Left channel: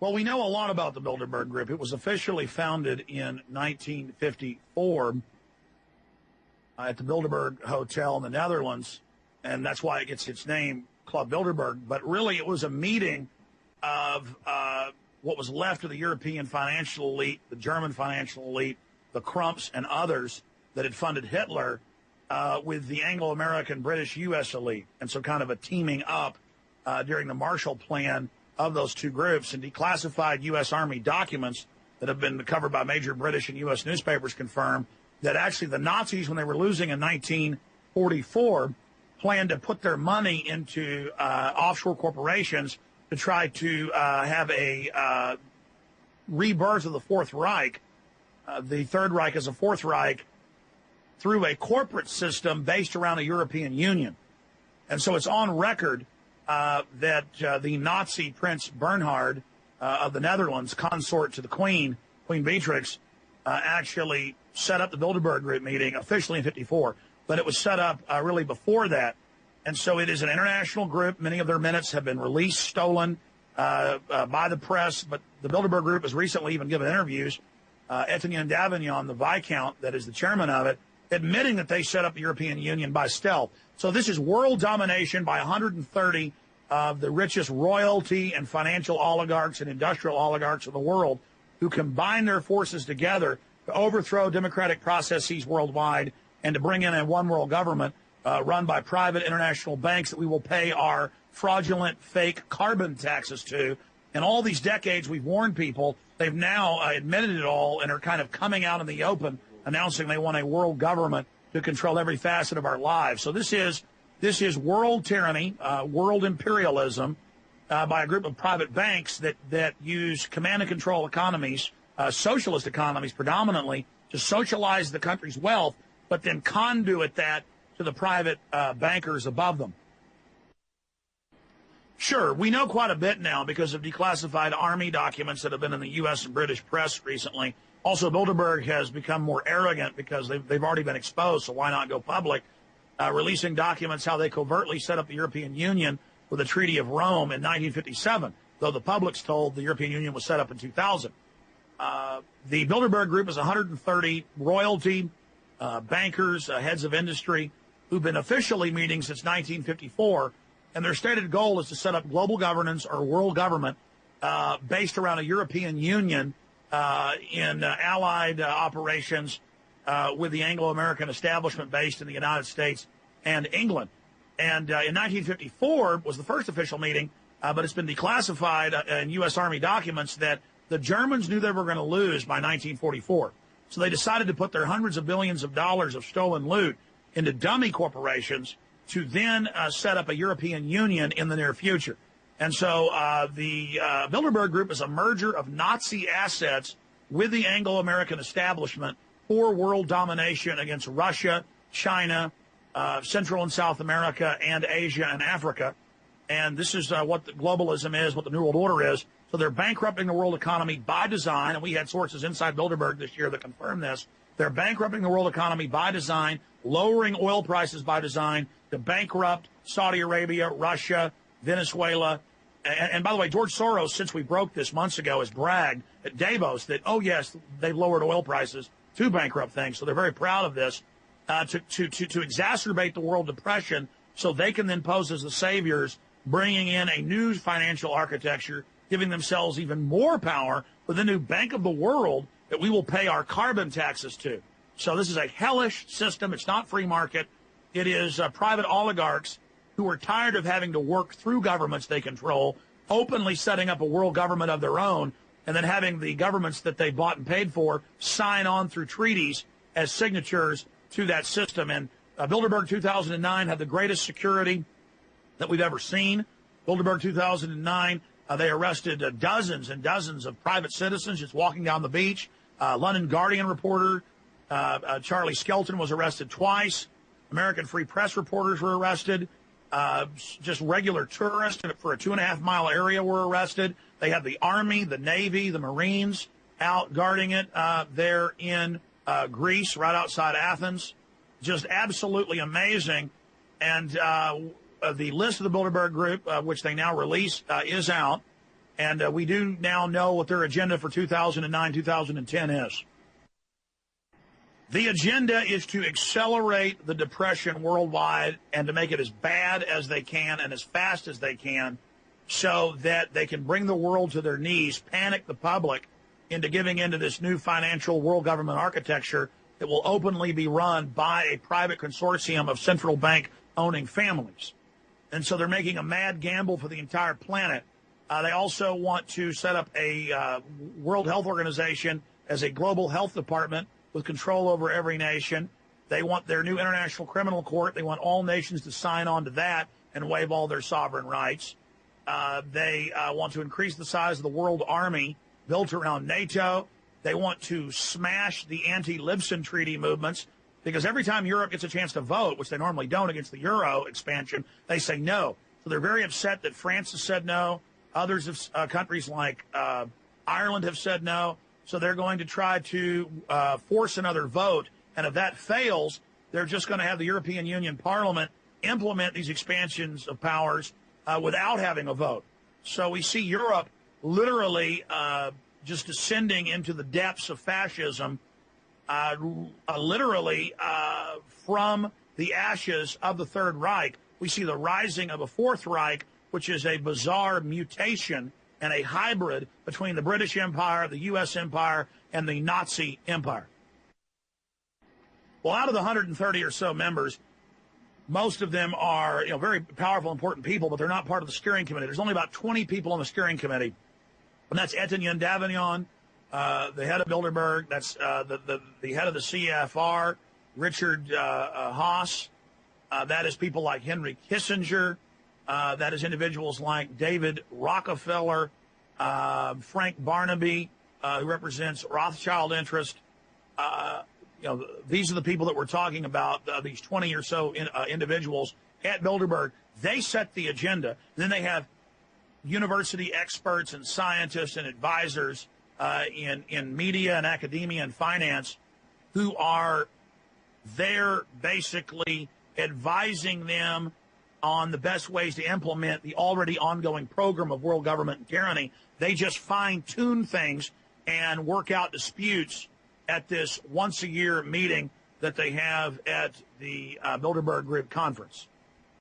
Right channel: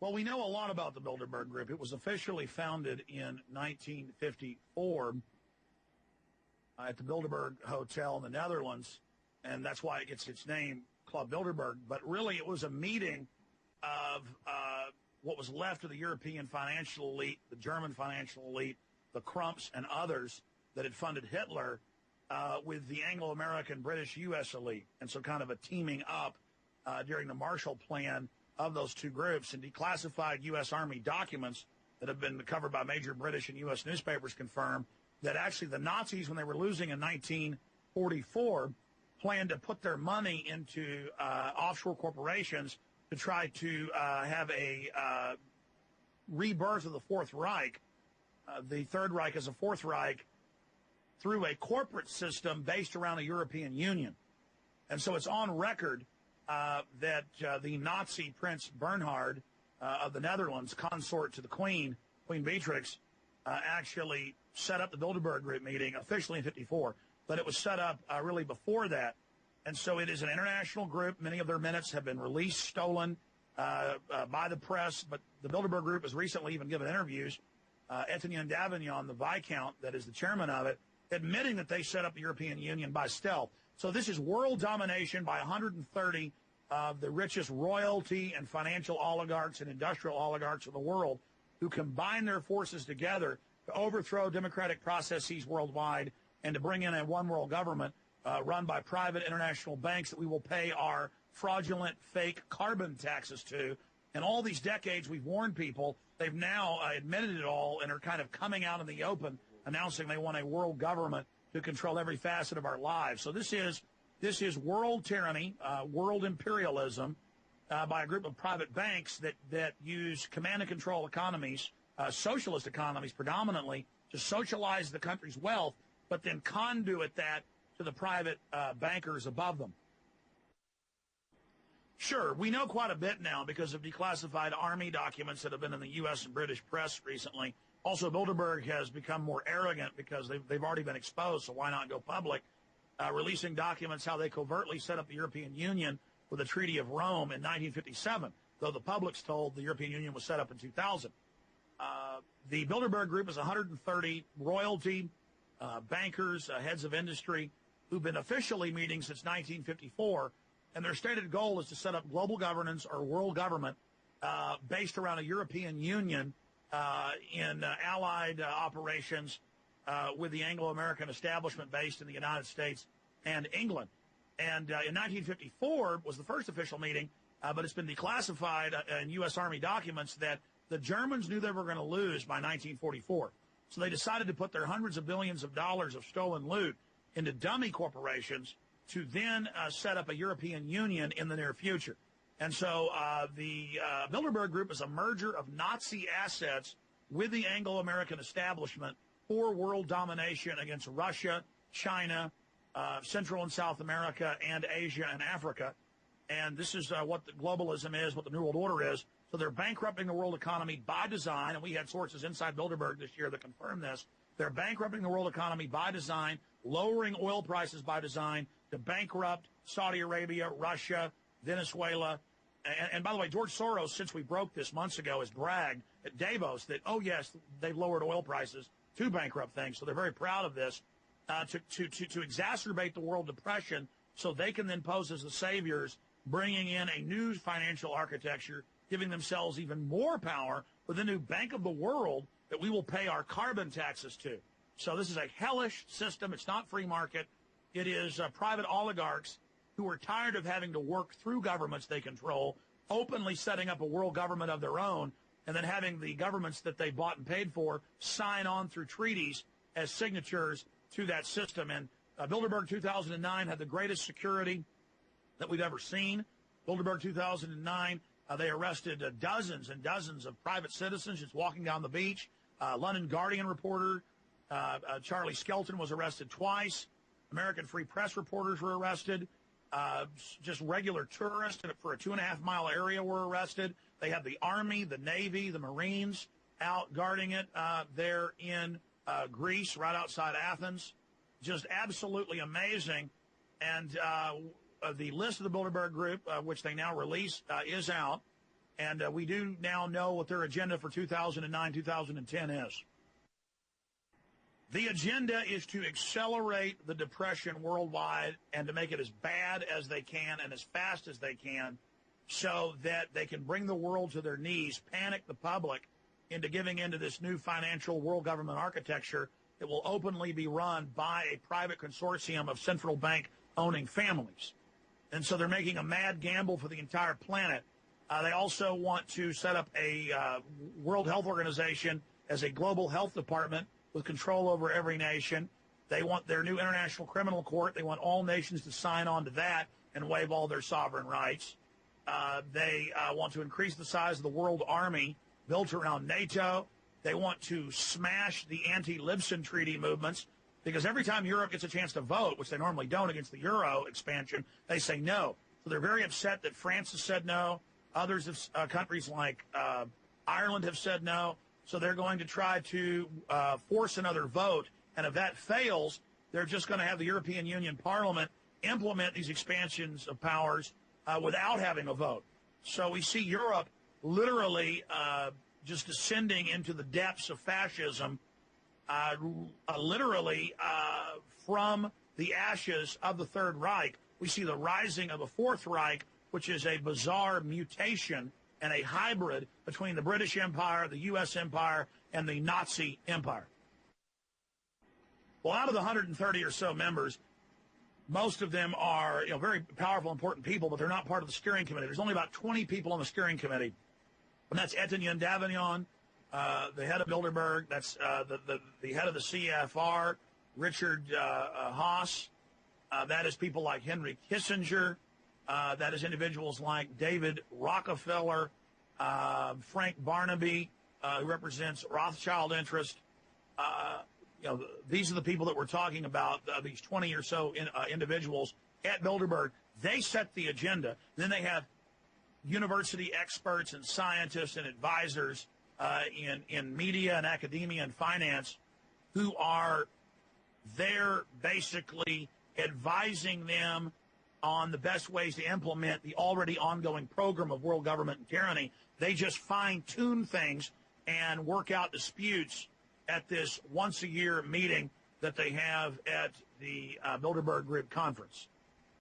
Well, we know a lot about the Bilderberg Group. It was officially founded in 1954 at the Bilderberg Hotel in the Netherlands, and that's why it gets its name, Club Bilderberg. But really, it was a meeting of what was left of the European financial elite, the German financial elite, the Crumps, and others that had funded Hitler with the Anglo-American, British, U.S. elite. And so kind of a teaming up during the Marshall Plan of those two groups, and declassified U.S. Army documents that have been covered by major British and U.S. newspapers confirm that actually the Nazis, when they were losing in 1944, planned to put their money into offshore corporations to try to have a rebirth of the Fourth Reich, the Third Reich as a Fourth Reich, through a corporate system based around the European Union. And so it's on record that the Nazi Prince Bernhard of the Netherlands, consort to the Queen, Queen Beatrix, actually set up the Bilderberg Group meeting officially in 54, but it was set up really before that. And so it is an international group. Many of their minutes have been released, stolen by the press, but the Bilderberg Group has recently even given interviews. Etienne Davignon, the Viscount that is the chairman of it, admitting that they set up the European Union by stealth. So this is world domination by 130 of the richest royalty and financial oligarchs and industrial oligarchs of the world, who combine their forces together to overthrow democratic processes worldwide and to bring in a one world government run by private international banks that we will pay our fraudulent, fake carbon taxes to. In all these decades, we've warned people. They've now admitted it all and are kind of coming out in the open, announcing they want a world government to control every facet of our lives. So this is world tyranny, world imperialism by a group of private banks that use command and control economies, socialist economies predominantly, to socialize the country's wealth, but then conduit that to the private bankers above them. Sure, we know quite a bit now because of declassified Army documents that have been in the U.S. and British press recently. Also, Bilderberg has become more arrogant because they've already been exposed, so why not go public, releasing documents how they covertly set up the European Union with the Treaty of Rome in 1957, though the public's told the European Union was set up in 2000. The Bilderberg Group is 130 royalty, bankers, heads of industry, who've been officially meeting since 1954, and their stated goal is to set up global governance or world government based around a European Union in allied operations with the Anglo-American establishment based in the United States and England. And in 1954 was the first official meeting, but it's been declassified in U.S. Army documents that the Germans knew they were going to lose by 1944. So they decided to put their hundreds of billions of dollars of stolen loot into dummy corporations to then set up a European Union in the near future. And so the Bilderberg Group is a merger of Nazi assets with the Anglo-American establishment for world domination against Russia, China, Central and South America, and Asia and Africa. And this is what the globalism is, what the New World Order is. So they're bankrupting the world economy by design, and we had sources inside Bilderberg this year that confirmed this. They're bankrupting the world economy by design, lowering oil prices by design to bankrupt Saudi Arabia, Russia, Venezuela. And by the way, George Soros, since we broke this months ago, has bragged at Davos that, oh, yes, they've lowered oil prices to bankrupt things. So they're very proud of this to exacerbate the world depression so they can then pose as the saviors, bringing in a new financial architecture, giving themselves even more power with a new Bank of the World that we will pay our carbon taxes to. So this is a hellish system. It's not free market. It is private oligarchs who are tired of having to work through governments they control, openly setting up a world government of their own, and then having the governments that they bought and paid for sign on through treaties as signatures to that system. And Bilderberg 2009 had the greatest security that we've ever seen. Bilderberg 2009, they arrested dozens and dozens of private citizens just walking down the beach. London Guardian reporter Charlie Skelton was arrested twice. American Free Press reporters were arrested. Just regular tourists for a 2.5-mile area were arrested. They had the Army, the Navy, the Marines out guarding it there in Greece, right outside Athens. Just absolutely amazing. And the list of the Bilderberg Group, which they now release, is out. And we do now know what their agenda for 2009, 2010 is. The agenda is to accelerate the depression worldwide and to make it as bad as they can and as fast as they can so that they can bring the world to their knees, panic the public into giving into this new financial world government architecture that will openly be run by a private consortium of central bank owning families. And so they're making a mad gamble for the entire planet. They also want to set up a World Health Organization as a global health department with control over every nation. They want their new international criminal court. They want all nations to sign on to that and waive all their sovereign rights. They want to increase the size of the world army built around NATO. They want to smash the anti-Libsyn treaty movements because every time Europe gets a chance to vote, which they normally don't against the Euro expansion, they say no. So they're very upset that France has said no. Others have, countries like Ireland have said no. So they're going to try to force another vote. And if that fails, they're just going to have the European Union Parliament implement these expansions of powers without having a vote. So we see Europe literally just descending into the depths of fascism, literally from the ashes of the Third Reich. We see the rising of a Fourth Reich, which is a bizarre mutation and a hybrid between the British Empire, the U.S. Empire, and the Nazi Empire. Well, out of the 130 or so members, most of them are very powerful, important people, but they're not part of the steering committee. There's only about 20 people on the steering committee, and that's Etienne Davignon, the head of Bilderberg. That's the head of the CFR, Richard Haas. That is people like Henry Kissinger. That is individuals like David Rockefeller, Frank Barnaby, who represents Rothschild interest. These are the people that we're talking about, these 20 or so individuals at Bilderberg. They set the agenda. Then they have university experts and scientists and advisors in media and academia and finance who are there basically advising them on the best ways to implement the already ongoing program of world government and tyranny. They just fine-tune things and work out disputes at this once-a-year meeting that they have at the Bilderberg Group conference.